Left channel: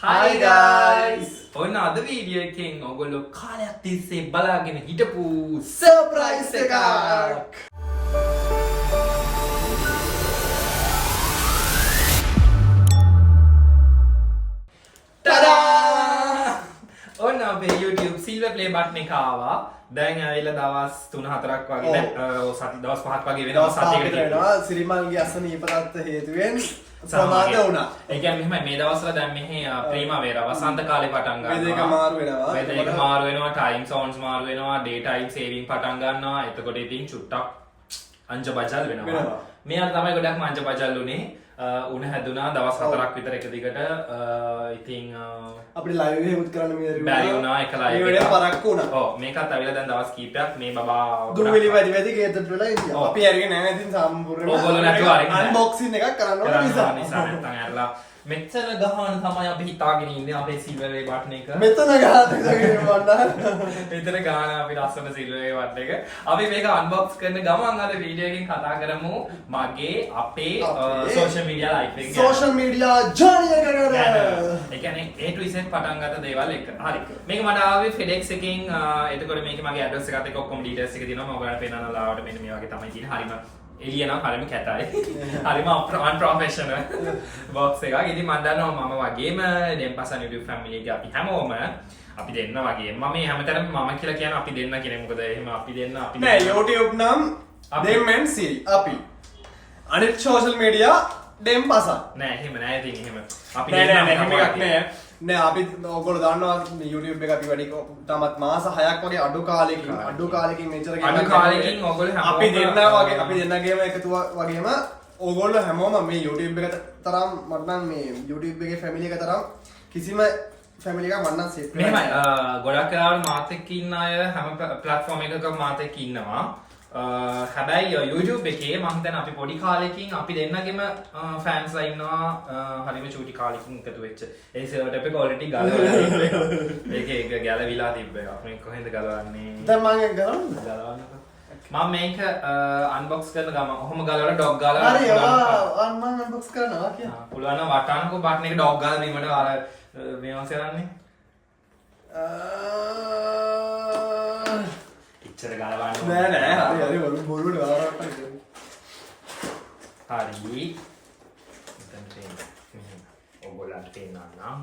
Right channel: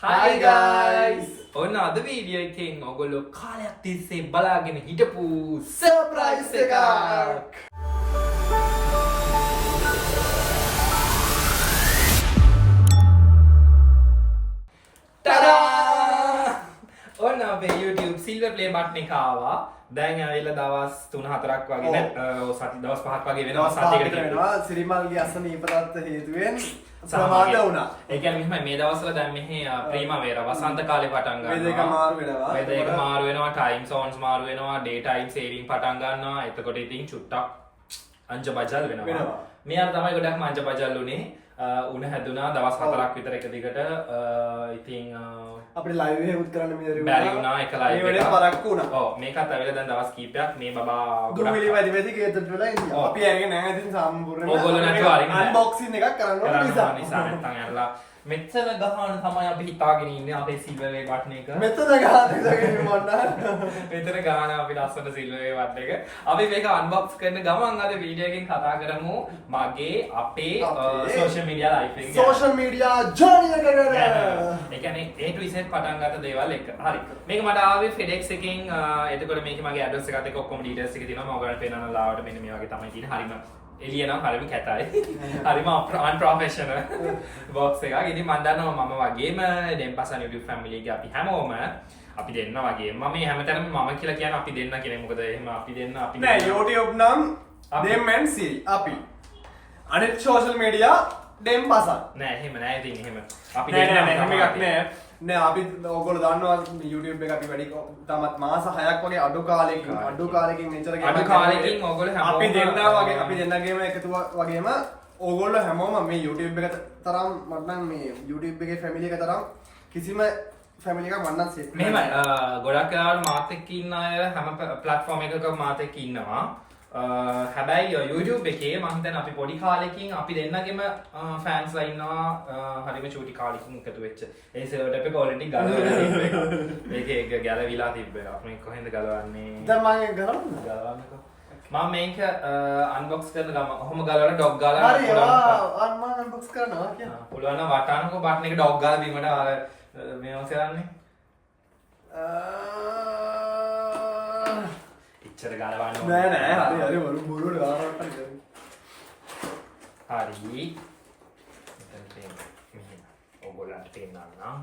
Hi guys! ඔන්න අද video එකෙන් ඔයගොල්ලෝ කාලයක් තිස්සේ බලාගෙන හිටපු සර්ප්‍රයිස් එකක්. ටඩා! ඔන්න අපේ YouTube silver play button එක ආවා. දැන් ඇවිල්ලා දවස් 3-4ක් වගේ නෑ සති දවස් 5ක් වගේ වෙනවා සතියකට වෙනවා සිරිමල්ගේ අසනීපතත් හේතුවෙන් සමාද වුණා. ඒ කියන්නේ මෙහෙම මේ දවස්වල දැන් මෙහි ප්‍රීමා වේර වසන්ත කාලේ පටන් ගන්නවා. වේදේක මාරු වෙනවා. වේදේක මාරු වෙනවා, ටයිම් zones මාරු වෙනවා, ඩේ ටයිම් සේවිං පටන් ගන්නවා. එතකොට ඉතින් චුට්ටක් අංජබජල් වෙනවා. මෙයාට තමයි ගොඩක්ම අංජබජල් උනේ. උණ හැදුනා දවස් 4ක් විතර එක දිගට ඉතින් අපිට ලයිව් එකකුත් කරන්න බැරි වුණා එක ලයිව් එකක් පරක්කු වුණා. ඔව් මේකත් ඇවිල්ලා දැන් දවස් කීපයක් මේ බබා දුවිලි වැඩි වැඩි ගේතට වෙලා ඉන්දියා. අපි අරගෙන නැහැ ඉතින් සම්පූර්ණයෙන්ම ඕගොල්ලෝ නැතුව අරගෙන අන්බොක්සින් එකක් කරන්න ඕන නිසා නැත්තම් ඇරලා මෙච්චර ගහන තමයි අපි හිතාගෙන ඉන්නේ අපේ සිල්වර් වේ බටන් එක. මෙතන ගහන්න මන්නා. මෙතන ගහන අපි ලස්සන සිල්වර් වේ බටන් එක. අපි මේක අන්බොක්ස් කරන ගමන් අද වීඩියෝ එකෙන් කතා කරමු මගේ අපේ සෝෂල් මීඩියා ලයිෆ් එක ගැන. සෝෂල් මීඩියා ජර්නි එක ගැන. ඒ කියන්නේ A to Z පටන් ගත්ත දේවල් එක. හරි. මේක මට ආවේ FedEx එකෙන් එතකොට මේකේ මගේ ඇඩ්‍රස් එකත් එක්ක ඔක්කොම ඩීටේල්ස් එක තියෙනවා. මම ඔයගලන්ට පේනන ලාවට මෙන්න මේ වගේ තමයි තියෙන්නේ. හරිම එළිය නම් හරිම කැතයි. හරිම unprofessional box එකක්. ඉතින් මම දන්නවා මම වගේම දෙම්පසන් YouTube family එකේ අපි හැමෝම අපි දෙන්න වගේ මම මේ හැමතැනම මම කියලා කියන අපි දෙන්න කියන්නේ මොකද එහෙම අපි දෙන්න අපි නෑ YouTube නම් දෙම්මෙන් සිරි අපි අනිත් social media දෙම්පසන් නෑ එහෙම නෑ ඉතින් එහෙම අපි නෑ දෙන්න නෑ එහෙම එකක් නෑ නෑ අපි ඔයගොල්ලෝ දන්නවා YouTube එක අපි වැඩි තාමත් මාස 6ක් වගේ අඩු කාලෙකින් මෙච්චර අඩු කාලෙකින් ඔයගොල්ලෝ හැමෝම අපි දෙන්නා වගේ අපි දෙන්නගේම එකතු වගේම ඕගොල්ලෝ හැමෝම මේ YouTube එක තරම් මට නම් මේ YouTube එකේ family එක තරම් කිසිම family එකක් මම නම් set මෙහෙමයි ගොඩක් වෙලාවට මාත් එක්ක ඉන්න අය හැම platform එකක මාත් එක්ක ඉන්නවා හැබැයි YouTube එකේ මම හිතන්නේ අපි පොඩි කාලෙකින් අපි දෙන්නගෙම fans ලා ඉන්නවා හරිම චූටි කාලෙකින් එකතු වෙච්ච ඒ server එක already ගලවලා තිබ්බ එක ඒක ගැලවිලා තිබ්බ එක අපි කොහෙන්ද ගලවන්නේ දැන් මම ගලවන්නකෝ මම මේක අන්බොක්ස් කරන ගම ඔහොම ගලවලා ඩොග් ගාලා හරි මම අන්බොක්ස් කරනවා කියන පුළුවන් නම් වටානකෝ බටන් එක ඩොග් ගාලා බීමට අර මේවා කරන්නේ ඉච්චර ගලවන්න නෑ නෑ හරි බොරුවට ගලවන්න හරි මෙතන මෙහෙම ඔයගොල්ලන්ට පේන්නම්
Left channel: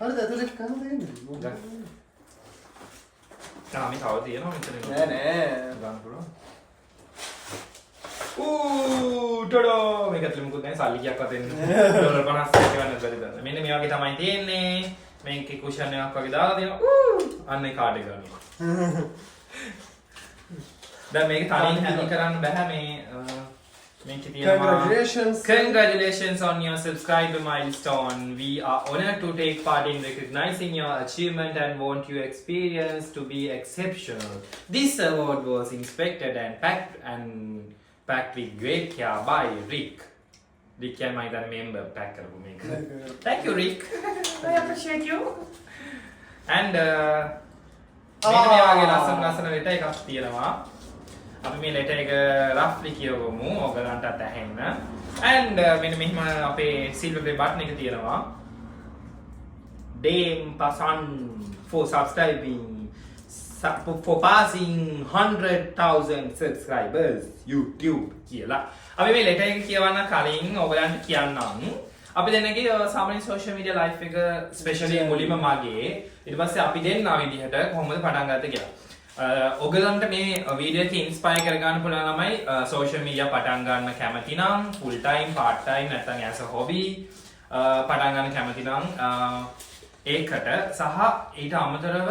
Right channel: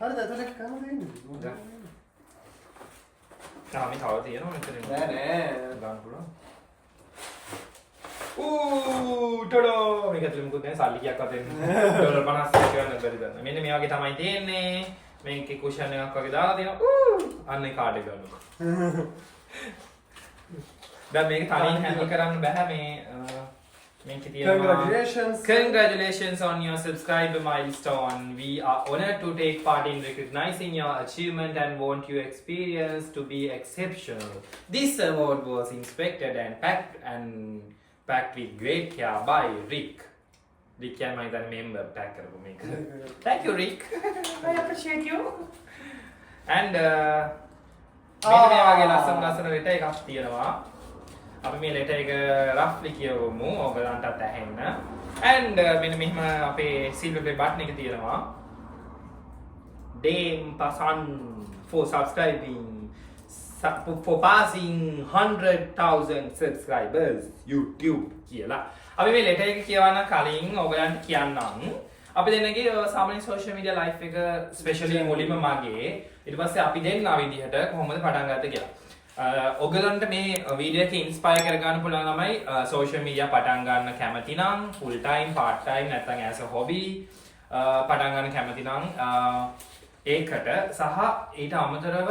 හරිද ඇතුලේ කන දෙන්නේ මේ තව තියෙනවා මෙතන නෑ නෑ ගන්න පුළුවන් ටඩෝ මේක ඇතුලේ මොකද නැහැ සල්ලි කියක් වතෙන් ඩොලර් 50ක් ගන්න බැරි දන්න මෙන්න මේ වගේ තමයි තියෙන්නේ මේකේ කුෂන් එකක් වගේ දාලා තියෙනවා අන්න ඒ කාඩ් එක ගන්න දැන් මේක තනියෙන් හැන්ඩල් කරන්න බෑ මේ මේකේ තියෙනවා congratulations on your subscriber milestone we are honored to take part in recognizing your achievement and want your experience to be exceptional this award was inspected and packed with great care by Rick can my member pack කරපු මේක thank you Rick I appreciate you and මේක මේ වගේ ලස්සන letter එකක් තියෙනවා අපි මේ ලෙටර් එක රෆ්ලි කියවමු ඔයගලන්ටත් ඇහෙන්න and මෙන්න මෙහෙම අපේ silver play button එක තියෙනවා dempasan for subscribing for passing 100,000 subscribers YouTube කියලා අපි මේ ලෙටර් එක කියවන්න කලින් ඔයගලන්ට කියන්නම් අපි දෙන්නගේ සාමාන්‍ය social media life එක especially මුලින්ම මගේ ඊට පස්සේ අපි දෙන්නා විදිහට කොහොමද පටන් ගත්තේ කියලා ඔයගලන්ට මේ වීඩියෝ එක ඉන්ස්පයර් කරගන්න පුළුවන් ළමයි social media පටන් ගන්න කැමති නම් full time part time නැත්නම් as a hobby පටන් ගන්න කැමති නම් ඒකට සහ ඊට අමතරව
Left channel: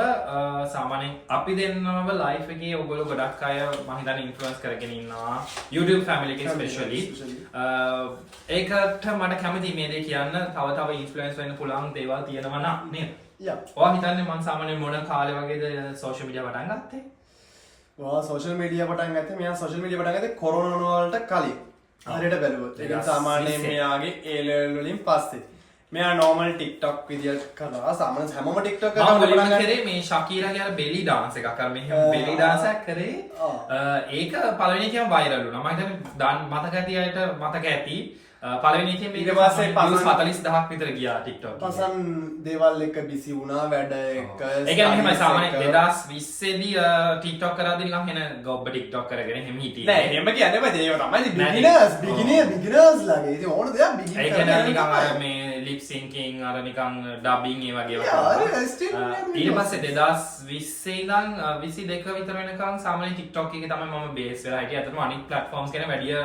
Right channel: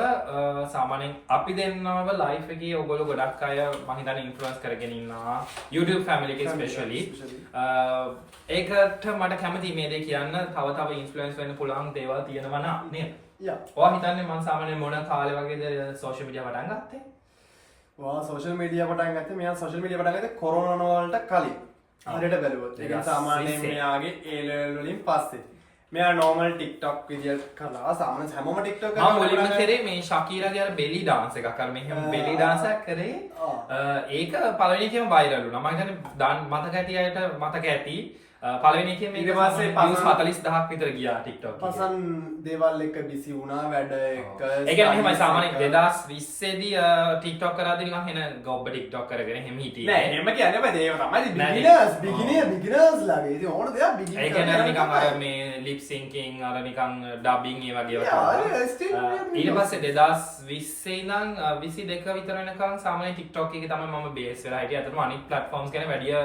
සාමාන්‍යයෙන් අපි දෙන්නව ලයිෆ් එකේ ඔයගොල්ලෝ ගොඩක් අය මම හිතන්නේ ඉන්ෆ්ලුවන්ස් කරගෙන ඉන්නවා YouTube family එකේ especially ඒකට මට කැමති මේ දේ කියන්න තව ඉන්ෆ්ලුවන්ස් වෙන්න පුළුවන් දේවල් තියෙනවා නේද ඔයා හිතන්නේ මම සාමාන්‍යයෙන් මොන කාලේ වගේද සෝෂල් මීඩියා පටන් ගත්තේ? ඔයා සෝෂල් මීඩියා පටන් ගත්තේ මෙයා සෝෂල් මීඩියා පටන් ගත්තේ කොරෝනා වලට කලින්. හරියට බැලුවොත්. ඒ සාමාන්‍යයෙන් මෙයාගේ A level වලින් පස්සේ. මෙයා normal TikTok විදියට කළා. සාමාන්‍යයෙන් හැමෝම TikTok කරනවා. මම මුලින්ම කරේ මේ ශකීරාගේ අර belly dance එකක්. අර මෙහෙම belly dance එකක් කරේ. ඒක පළවෙනි එකේම viral වුණා. මම හිතන්නේ මතක ඇති අයට මතක ඇති පළවෙනි එකේ මේක ඊට පස්සේ views 40000ක් විතර ගියා TikTok එකේ. පසන් දේවල් එක බිසි වුණා වැඩ එක. ඒ කියන්නේ මෙහෙමයි සාමාන්‍යයෙන් 2020 දී TikTok කරාදී නිකන් එන ගොබ්බ TikTok කරගෙන එහෙම හිටියේ. නෑ එහෙම කියන්නේ බෑ ඒක තමයි beginners ලාගේ. ඉතින් ඕන දෙයක් beginner. ඒ කියන්නේ නිකන් අර මේ lip syncing අර නිකන් dubbing ඒ වගේ ඒවා. ඊට පස්සේ 2020 ඉඳන් 22 විතර වෙනකන් සාමාන්‍යයෙන් TikTok එකේ තමයි මම බේස් වෙලා හිටියේ. අතටම අනිත් platforms ගැන වැඩිය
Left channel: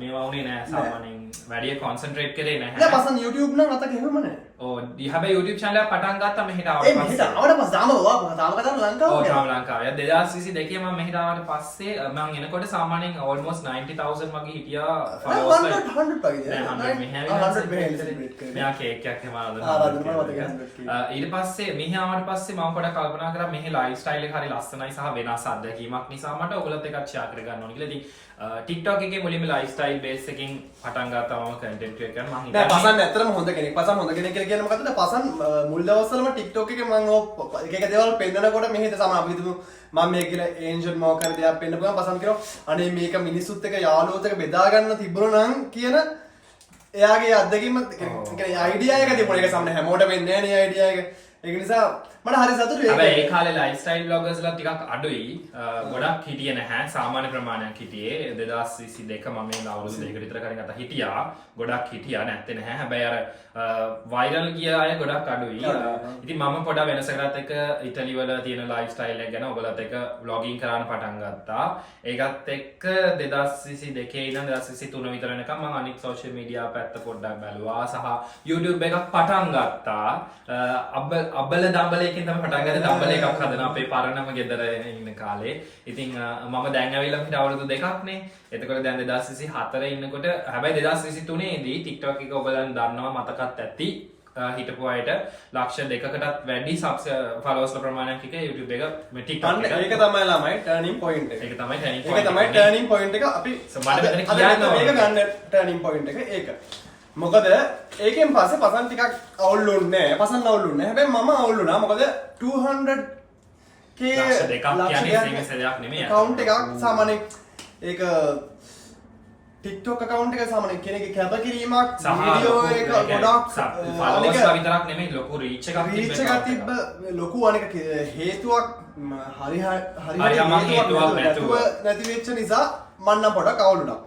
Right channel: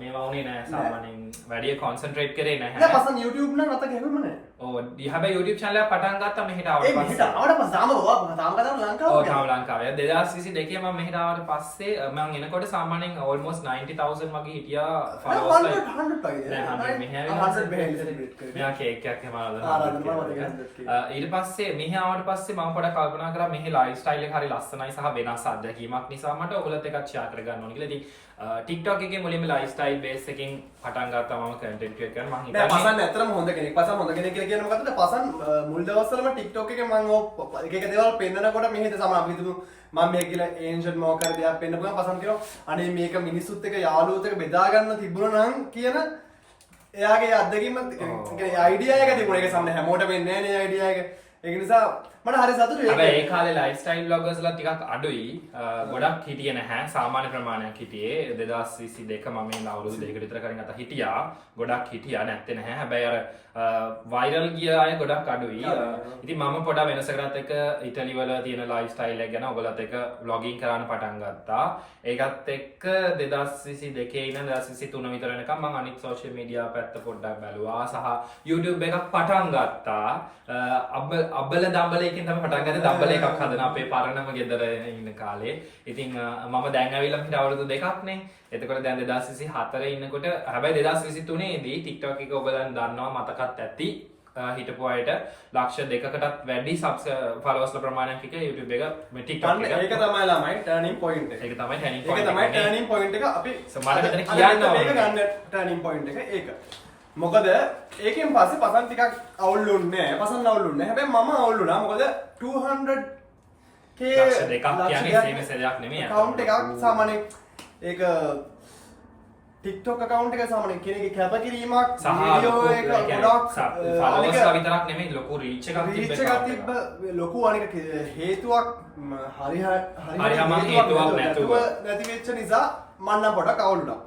මේවා වුණේ නෑ සාමාන්‍යයෙන් වැඩිය concentrate කරේ නැහැ. නෑ පසන් YouTube නම් අත ගෙවෙම නෑ. ඔව් හැබැයි YouTube channel එක පටන් ගත්තා මෙහෙට ආවට ඒ මෙහෙට ආවට පස්සේ තාම කතාව ලංකාවේ. ඔව් තාම ලංකාවේ. 2022 මම මෙහෙට ආවට පස්සේ මම එනකොට සාමාන්‍යයෙන් almost 90000 වගේ හිටියා followers ලා. 100 වගේ. නෑ 100 මෙහෙ ආවිලා 100 මෙහෙ celebrate කරේ. මෙයා කේක් එකක් එහෙම ආවද. ඊට පස්සේ මෙහෙ ආවට පස්සේ මම පොඩක් කල්පනා කරා මෙහෙ lifestyle එක හරි ලස්සනයි සහ වෙනස් අත්දැකීමක් නිසා මට ඔයගොල්ලොත් එකත් share කරගන්න ඕනේ කියලා. ඉතින් TikTok එකේ මුලින්ම lifestyle base එකකින් පටන් ගත්තා මම content create කරන්න. මම හිතන්නේ පසන් ඇත්තටම හොඳ කෙනෙක්. පසන් හොඳ කෙනෙක් කියලා කියන්නේ මොකද්ද? පසන් මුල් දවස්වලම TikTok එකේ මම එක එක දේවල් පෙන්නනකොට මෙහෙට සමහර අපි හිතමු මම මේ කියලා ඒන්ජල් මොකක්ද දෙයක් පෙන්නපුවම පසන් කියනවා අනේ මේක මිනිස්සුත් එක්ක යාළුවොත් එක්ක බෙදා ගන්න තිබුණා නම් කියන එයාගේ අත්දැකීම කියන්නේ අයිඩියා එක තිබුණා. ඒක සමහර හැමෝටම වෙන්නේ නැහැ නේ අයිඩියා එක. ඒක නිසා මට හරි සතුටුයි. හැබැයි ඒ කාලේ lifestyle bloggers ලා ටිකක් අඩුයි. ගොඩක් හිටියේ නැහැ. සාමාන්‍ය ප්‍රමාණයක් හිටියේ. 2022 මම මේ අවුරුදු දෙකකට විතර කලින් අත හිටියා. ගොඩක් හිටියා නැත්තේ නැහැ. හැබැයි අර viral ගිය අය ගොඩක් අඩුයි. ඉතින් මම පොඩක් වෙනස කරත් එක ඉටලි වල තියෙන lifestyle එක ගැන ඔයගලත් එක්ක vlogging කරන්න පටන් ගත්තා. ඒකත් එක්ක 2022 ඉඳන් 2023 විතර වෙනකම් මම අනිත් social media පැත්ත පොඩ්ඩක් බැලුවා. සහ YouTube එකක් පටන් ගත්තා. අබ්බල දම්බල එකෙන් තමයි පටන් ගත්තේ. දම්බල එකක් හදන අපේ පරණම ගෙදර ඉන්න කාලේ. ඉතින් මම දැන් ඇවිල්ලා පිට අවුරුදු දෙකක් නේ. එතකොට දැන් 2024 ඉන්නකොට හැබැයි 2023 දී TikTok එක ඔයගලන් දන්නවා මතකත් ඇති. හිටපු අයට ලක්ෂ 2කටත් වැඩි followers ප්‍රමාණයක් එක YouTube එක මේ TikTok එක. ඒක තමයි ළමයි turning point එක. ඒක තමයි turning point එක. ඒක තමයි turning point එක. අපි මට මෙතන කියන්න ඕනේ. මේක ගන්න turning point එක ඒක. මොකද ඒකෙන් පස්සේ පසන් ටිකක් අවුල්ුන්නේ නැහැ. පසන් අවුල්ුන්නේ නැහැ. හැබැයි මම අවුල්ුණා. මොකද 200k ලක්ෂ 2ක් කියන්නේ සීමිත දෙයක් නෙමෙයි. account එකක් සාමාන්‍යයෙන් ඒක TikTok account එක සාමාන්‍යයෙන් කෙනෙක්ගේ කැපකිරීමක් වීඩියෝ එක ගොඩක් followers ලා විතරක් නෙමෙයි ලොකු reach එකක් තිබ්බ ලොකු අනික හේතුවක් හරි හේතුවක් නැතුව නැති වෙච්ච නිසා මම නම් පොඩක් අවුල් වුණා.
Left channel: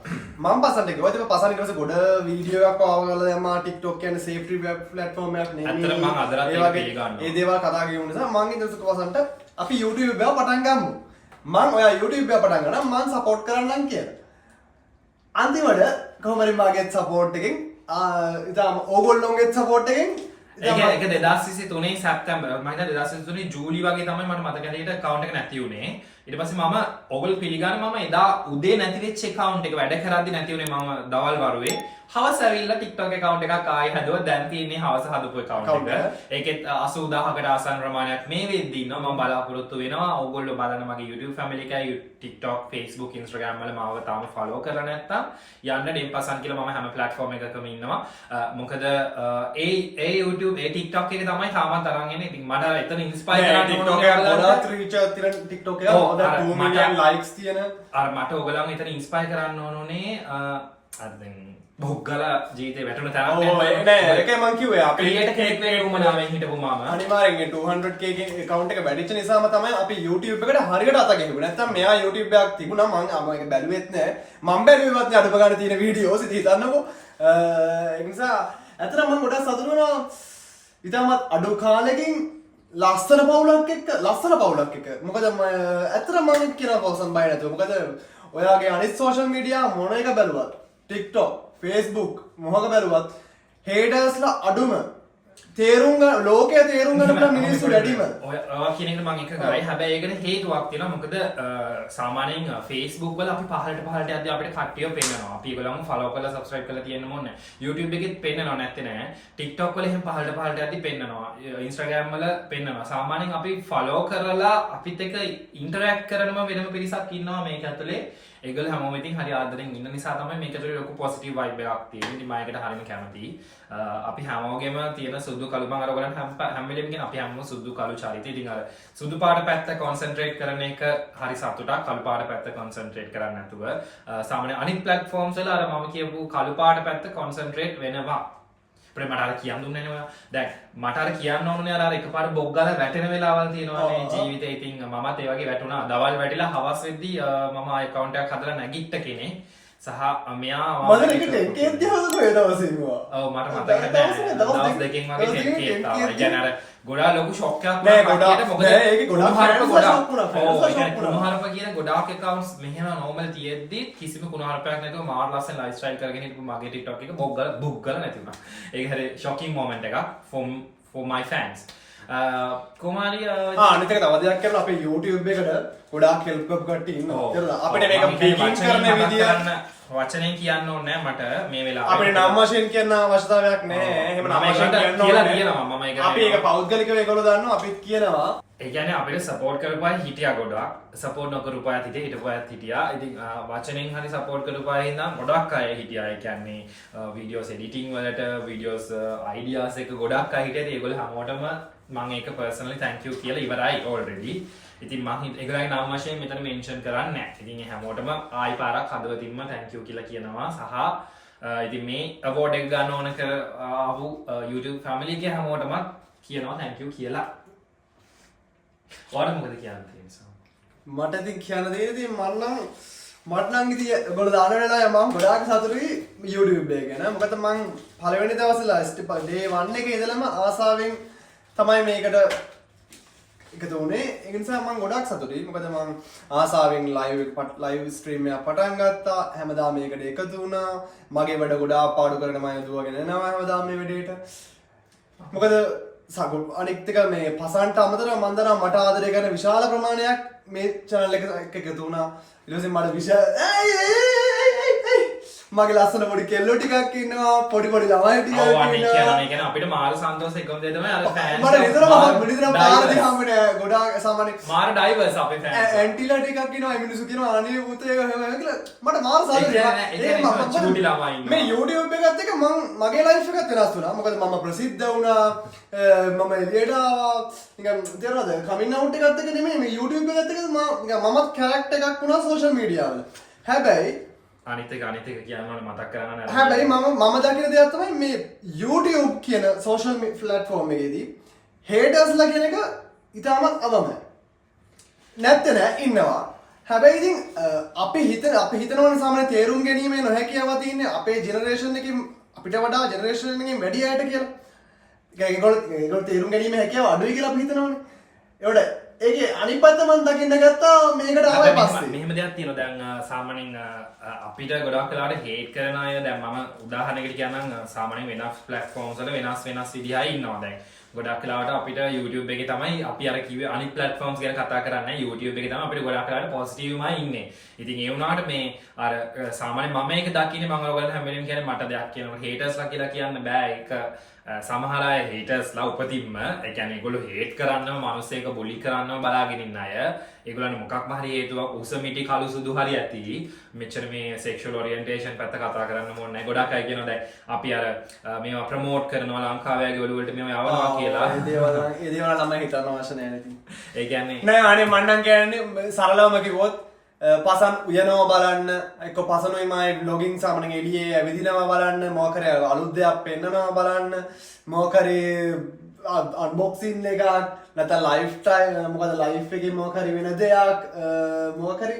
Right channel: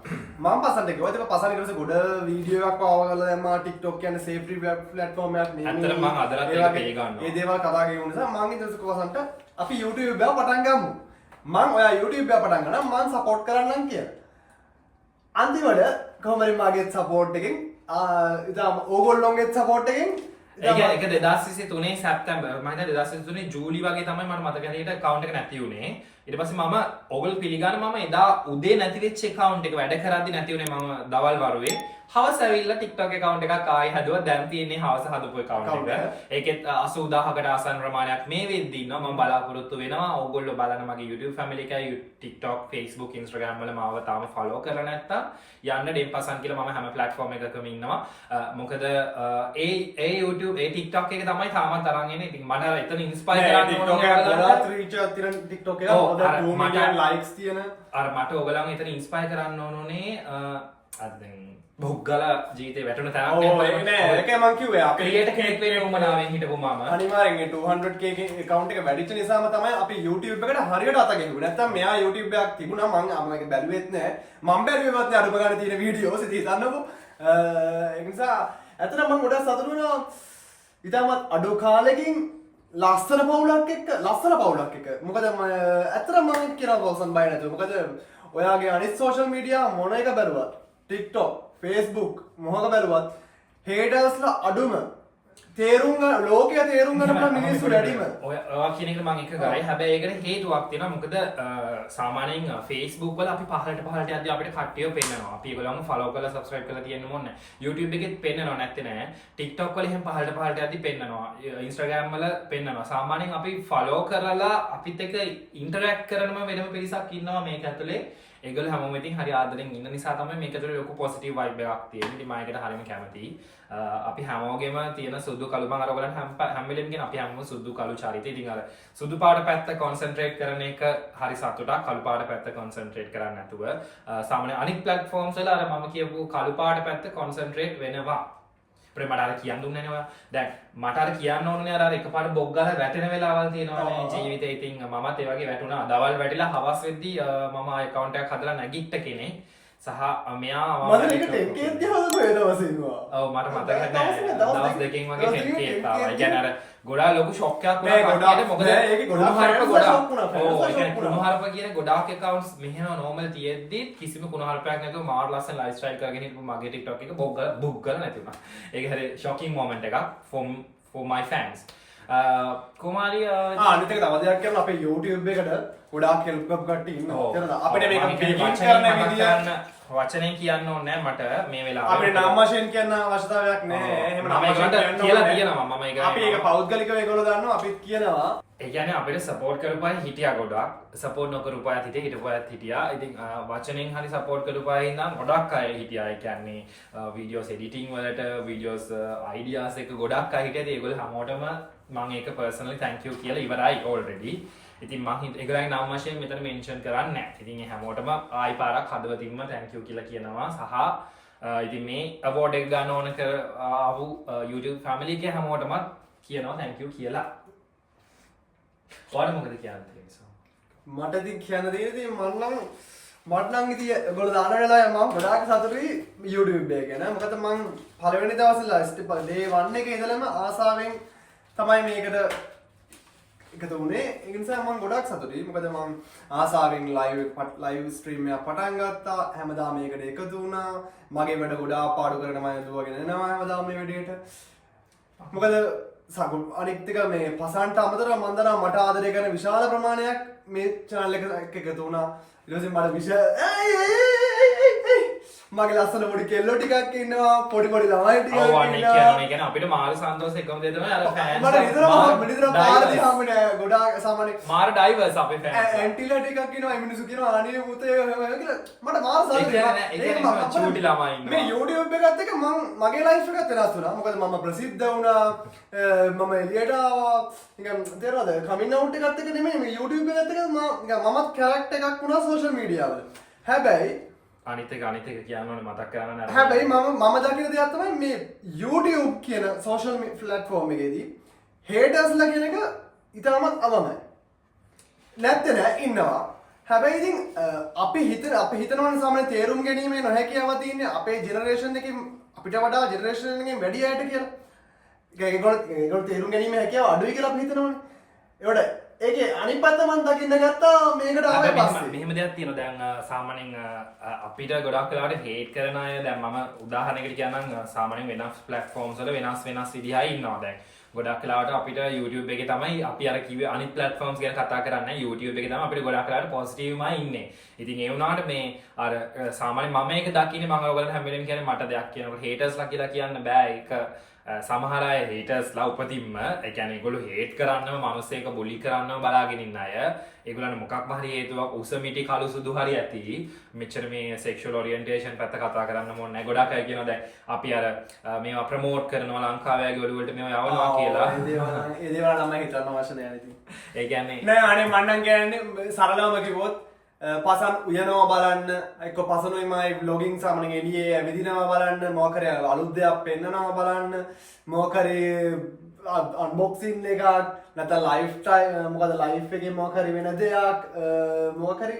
මම පසන්ට ගියා. ඒක පසන් ඊට පස්සේ ගොඩ වීඩියෝ එකක් ආවගල දැම්මා. TikTok කියන්නේ safety platform එකක් නෙමෙයි. ඇත්තටම මම අදලත් ඒක පිළි ගන්නවා. ඒ දේවල් කතා කරගෙන නිසා මම ඊට පස්සේ පසන්ට අපි YouTube එක පටන් ගමු. මම ඔයා YouTube එක පටන් ගන්නම් මම support කරන්නම් කියලා. අන්තිමට කොහොම හරි මාගේත් support එකෙන් ඉතින් ඕගොල්ලොන්ගේත් support එකෙන් ඒක 2023 සැප්තැම්බර් මම හිතා 2023 ජූලි වගේ තමයි මට මතක හැටියට account එක නැති වුණේ. ඊට පස්සේ මම ඕගොල්ලෝ පිළිගන්න මම එදා උදේ නැති වෙච්ච account එක වැඩ කරද්දි නැති වුණේ මම දවල් වරුවේ. හවස ඇවිල්ලා TikTok account එකක් ආයෙ හදුවා. දැන් තියෙන්නේ හවස හදපු account එක. ඒකෙත් 80000කට ආසන්න ප්‍රමාණයක් මේ වෙද්දි ඉන්නවා. මම බලාපොරොත්තු වෙනවා ඕගොල්ලෝ බලන මගේ YouTube family එකයි TikTok, Facebook, Instagram වල මාව තාම follow කරලා නැත්තම් යන්න dempasan කියලා මම හැම platform එකකම ඉන්නවා. මොකද ඒ YouTube ඒ TikTok එක තමයි තාමත් අරන් එන්නේ. ඉතින් මට එතන inspire කරන්න TikTok එක ගොඩාක් reach එකක් තියෙන TikTok එක හොඳ 2 million likes තියෙන අර මට ඔයගලන් එතන inspire කරන්න ඕනේ අර දැන් බොහ්ගල ජීවිතේ වැටුණ තරක් නෑ ඒකයි මං කිව්වේ අපි ක්‍රියේටර් කෙනෙක් වෙන්න උවමනාවෙන් හිටපු මම අනිවාර්යෙන් 200k account එක වැඩිච්ච නිසාම තමයි අපි YouTube එකට හරියට අත ගැහුවේ. නැත්තම් මෙයා YouTube එකක් තිබුණා මම ඒක බැලුවෙත් නෑ. මම බැලුවේවත් නෑ අඩුම ගන්න තියෙන වීඩියෝස් ඉතින් හිතන්නකෝ. ඒ නිසා ඇත්තටම මම ගොඩක් සතුටු වෙනවා. ඉතාලමත් අඩු කාලෙකින් ලස්සන පවුලක් එක්ක මොකද ඇත්තටම මම කියනවා පොසන් බය නැතුව. මොකද ඔයාගේ අනිත් social media මොන එක බැලුවත් TikTok, Facebook මොහොක බැලුවත් haters-ලා අඩුම තේරුම් ගන්න ලෝකයේ තේරුම් ගන්න පුළුවන් මිනිස්සු වැඩිම. ඔයා කියන එකට මම එක ගායි. හැබැයි ඒකට හේතුවක් තියෙනවා. මොකද සාමාන්‍යයෙන් Facebook වල අපි පහළට යද්දී අපිට කට්ටියව පෙන්නනවා. අපි ඒගොල්ලන්ව follow කරලා subscribe කරලා තියෙන්න ඕනේ නැහැ. YouTube එකෙත් පෙන්නනවා නැත්තේ නෑ. TikTok වල එහෙම පහළට යද්දී පෙන්නනවා. Instagram වල පෙන්නනවා. සාමාන්‍යයෙන් අපි follow කරලා අපිත් එක්ක interact කරනම වෙනම පිරිසක් ඉන්නවා මේක ඇතුලේ. ඒගොල්ලෝ හැමෝම ඉතින් හරි ආදරෙන් ඉන්න නිසා තමයි මේක තුළ ලොකු පොසිටිව් වයිබ් එකක් තියෙන්නේ. ඉතින් මම ඒකට හරියම කැමතියි. අපි හැමෝගෙම තියෙන සුදු කළු මම අර ඔයගලන් හැම වෙලෙම කියන අපි හැමෝම සුදු කළු චරිතය. ඉතින් අර සුදු පාට පැත්ත කොන්සන්ට්‍රේට් කරන එක හරි සතුටක්. කළු පාට පැත්ත කොන්සන්ට්‍රේට් කරන්නේ නැතුව සාමාන්‍ය අනිත් ප්ලැට්ෆෝම්ස් වල අර මම කියපු කළු පාට පැත්ත කොන්සන්ට්‍රේට් වෙනවා. අපේ මට අර කියන්න දුන්නේ නැහැ ඔයා. දැන් මට අර කියන්න ඕනේ අර එකපාරට බොක් ගාලා වැටෙන වෙලාවල් තියෙනවානේ ජීවිතේ. ඉතින් මමත් ඒ වගේ වැටුණා. දවල් වැටිලා හවස් වෙද්දී මම account එකක් හදලා නැගිට්ට කෙනෙක්. සහ මෙයා මම ඒක 10k දිහාද කොහෙද වසිනවා. ඔව් මට මතක නැහැ. දවස් දෙකකින් වගේ 10k ආවා. ඒ කියන්නේ අර ගොඩාක් ලොකු ෂොක් එකක් වුණා කට්ටියට. මොකද ඒක ගොඩාක් ගොඩාක් ඔව් ඒ කියන්නේ කුණුහරුප කියන ගොඩාක් accounts මෙහෙම normal තියෙද්දි කිසිම කුණුහරුපයක් නැතුව මාර ලස්සන live style කරගෙන හිටපු මගේ TikTok එක බුක් ගාලා නැති වුණා. ඒක හරි shocking moment එකක් for my fans. කුමාරී අනිත් එක තව දෙයක් කරන අපේ YouTube එකට ගොඩාක් help කරපු කට්ටිය ඉන්නවා. අපිට මේක begin කරන විදිය වචනෙන් කියන්න ඕනේ නැහැ මට මේ වෙලාවේ. අපේ නම් වශයෙන් කියන්න අවශ්‍යතාවයක් නැහැ. එහෙම නම් වශයෙන් කියලා තියෙනවා මම ඒක. අපි ඒක පෞද්ගලිකව ඒගොල්ලෝ දන්නවා අපිත් කියනවා. ඒ කියන්නේ අපිට සපෝට් කරපු අය හිටියා ගොඩක්. සපෝට් නොකරපු අයත් හිටියා, හිටපු අයත් හිටියා. ඉතින් වචනෙන් හරි සපෝට් කරපු අය ඉඳන් ගොඩක් අය හිටියා. ඒ කියන්නේ වීඩියෝස් එඩිටිං වලට, වීඩියෝස් අයිඩියාස් එක ගොඩක් අය හිටියා. ඒගොල්ලෝ හැමෝටම මම ඒක පර්සනලි thank you කියලා ඉවරයි already. ඉතින් මම ඒගොල්ලන්ගේ නම් වශයෙන් මෙතන මෙන්ෂන් කරන්නේ නැහැ. ඉතින් ඒ හැමෝටම ආයි පාරක් හදවතින්ම thank you කියලා කියනවා. සහ ඉතින් මේ award එක ගන්න ඕන කර ආපු YouTube family එකේ හැමෝටම කියනවා thank you කියලා. ඔයාලා මොකද කියන්න තියෙන්නේ? මට ඉතින් කියන්න තියෙන්නේ මට නම් ඉතින් ඒගොල්ලෝ දාන වෙලාවේ මම ගොඩාක් සතුටුයි YouTube එක ගැන. මොකද මම පළවෙනි දවසේ day 1 එකේ ඉඳලම ආසාවෙන් තමයි මේකට එකතු වුණේ. ඒ නිසා මම ගොඩාක් සතුටුයි. මොකද මම ආසාවෙන් live stream එකක් පටන් ගත්තා. හැමදාම මේකට එකතු වුණා. මගේ වැඩ ගොඩාක් පාඩු කරගෙන මම දුවගෙන යනවා හැමදාම මේ වැඩේට. මොකද අනිත් එක මේ පසන්ට අමතරව මම දන්නවා මට ආදරය කරන විශාල ප්‍රමාණයක් මේ channel එක එකතු වුණා. ඊට පස්සේ මට මගේ ලස්සන පොඩි කෙල්ලෝ ටිකක් ඉන්නවා, පොඩි ළමයි ටිකක් ඉන්නවා. ඔව් අනේ කියන්නේ අපිට මාර සන්තෝෂ එකම දේ තමයි අර ෆෑන්ස් මට නිතරම පාරදී හම්බෙන්නේ ගොඩාක් සාමාන්‍ය මාර ඩයිවර්ස් අපේ ෆෑන්ස්. ඇන්ටිලා ටිකක් ඉන්නවා. මිනිස්සු කියනවා අනේ පුතේ එහෙම කියලා. මට මාර සතුටුයි. ඒක චූටි ළමයි ඉන්නවා. මේ YouTube එකත් එක්ක මගේ ලයිෆ් එකත් වෙනස් වුණා. මොකද මම ප්‍රසිද්ධ වුණා. මම එළියට ආවා. නිකන් තේරෙනවද? කමින් අවුට් එකත් එක්ක නෙමෙයි මේ YouTube එකත් එක්ක මමත් කැරක්ටර් එකක් වුණා සෝෂල් මීඩියා වල. හැබැයි අනිත් එක කියන්න ඕනේ මතක් කරගන්න නේද? හැබැයි මම දකින දෙයක් තමයි මේ YouTube කියන සෝෂල් ප්ලැට්ෆෝම් එකේදී හේටර්ස්ලා කියන එක ඉතාමත් අවමයි. නැත්තේ නෑ ඉන්නවා. හැබැයි ඉතින් අපි හිතනවනේ සාමාන්‍ය තේරුම් ගැනීමේ නොහැකියාව තියෙන්නේ අපේ ජෙනරේෂන් එකකින් අපිට වඩා ජෙනරේෂන් එකකින් වැඩි අයට කියලා. ඒගොල්ලෝ තේරුම් ගැනීමේ හැකියාව අඩුයි කියලා අපි හිතනවනේ. ඒකට ඒකේ අනිත් පැත්ත මම දකින්න ගත්තා මේකට ආවේ පස්සේ. මෙහෙම දෙයක් තියෙනවා. දැන් සාමාන්‍යයෙන් අපිට ගොඩක් වෙලාවට හේට් කරන අය දැන් මම උදාහරණයකට කියනනම් සාමාන්‍යයෙන් වෙනස් ප්ලැට්ෆෝම්ස් වල වෙනස් විදිහයි ඉන්නවා. දැන් ගොඩක් වෙලාවට අපිට YouTube එකේ තමයි අපි අර කිව්වේ අනිත් ප්ලැට්ෆෝම්ස් ගැන කතා කරන්නේ. YouTube එකේ තමයි අපිට ගොඩක් වෙලාවට පොසිටිව්මයි ඉන්නේ. ඉතින් ඒ වුණාට මේ අර සාමාන්‍යයෙන් මම මේක දකින්නේ මම ඔයගොල්ලන්ට හැම වෙලෙම කියන්නේ මට දෙයක් කියනකොට හේටර්ස්ලා කියලා කියන්න බෑ. ඒක සමහර අය හේටර්ස්ලා උපතින්ම ඒ කියන්නේ ඒගොල්ලෝ හේට් කරන්නම මිනිස්සෙක් බුලි කරන්නම බලාගෙන ඉන්න අය. ඒගොල්ලන්ට මොකක්ම හරි හේතුවක් උස මිටි කළු සුදු හරි ඇති. මෙච්චර මේ sexual orientation පැත්ත කතා කරන්න ඕනේ නැහැ. ගොඩක් අය කියනවා දැන් අපි අර මේවා ප්‍රොමෝට් කරනවා ලංකාවේ වගේ ඔළුවලට මේවා යවනවා කියලා. ඒ දේවල් නම් හිතන්න අවශ්‍ය නැහැ නේද? ඒ කියන්නේ නෑ අනේ මම නම් කියන්නේ සරලවම කිව්වොත් පසන් උයනවා බලන්න එක්ක පසනුයි මයි vlogging සාමාන්‍යයෙන් එළියේ ඇවිදිනවා බලන්න මොකක් හරි අලුත් දෙයක් පෙන්නනවා බලන්න මොකක් හරි අන්බොක්සින් එකක් නැත්නම් ලයිෆ් ටයිම් මොකද ලයිෆ් එකේ මොකක් හරි වෙන දෙයක් මොකක් හරි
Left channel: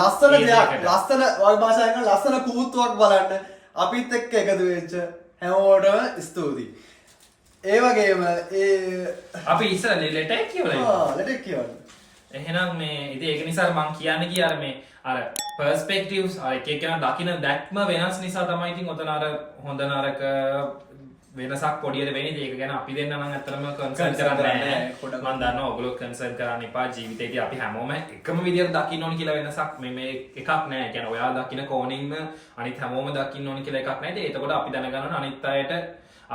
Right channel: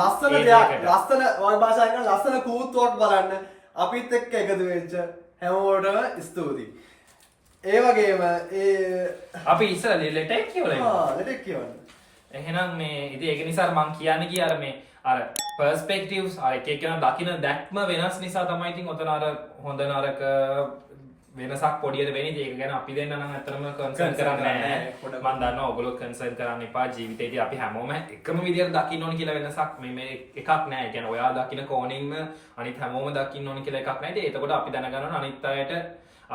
ලස්සන දෙයක් ලස්සන වගේ භාෂාවෙන් ලස්සන කූත්තුවක් බලන්න අපිත් එක්ක එකතු වෙච්ච හැමෝටම ස්තුතියි. ඒ වගේම අපි ඉස්සර ලෙටර් කියවලා ඉන්නවා. ලෙටර් කියවලා. එහෙනම් මේ ඉතින් ඒක නිසා මම කියන්නේ කිය අර මේ අර පර්ස්පෙක්ටිව්ස් අර එක එකන දකින්න දැක්ම වෙනස් නිසා තමයි ඉතින් ඔතන අර හොඳ නරක වෙනසක් පොඩියට වෙන්නේ. ඒක ගැන අපි දෙන්න නම් ඇත්තටම කන්සර්න් කරන්නේ නැහැ. මම දන්නවා ඔයගොල්ලෝ කන්සර්න් කරන්න එපා. ජීවිතේදී අපි හැමෝම එකම විදියට දකින්න ඕනි කියලා වෙනසක් මේ එකක් නැහැ. ඒ කියන්නේ ඔයා දකින්න කෝණින්ම අනිත් හැමෝම දකින්න ඕනි කියලා එකක් නැහැ. ඒකට අපි දැනගන්න ඕන අනිත් අයට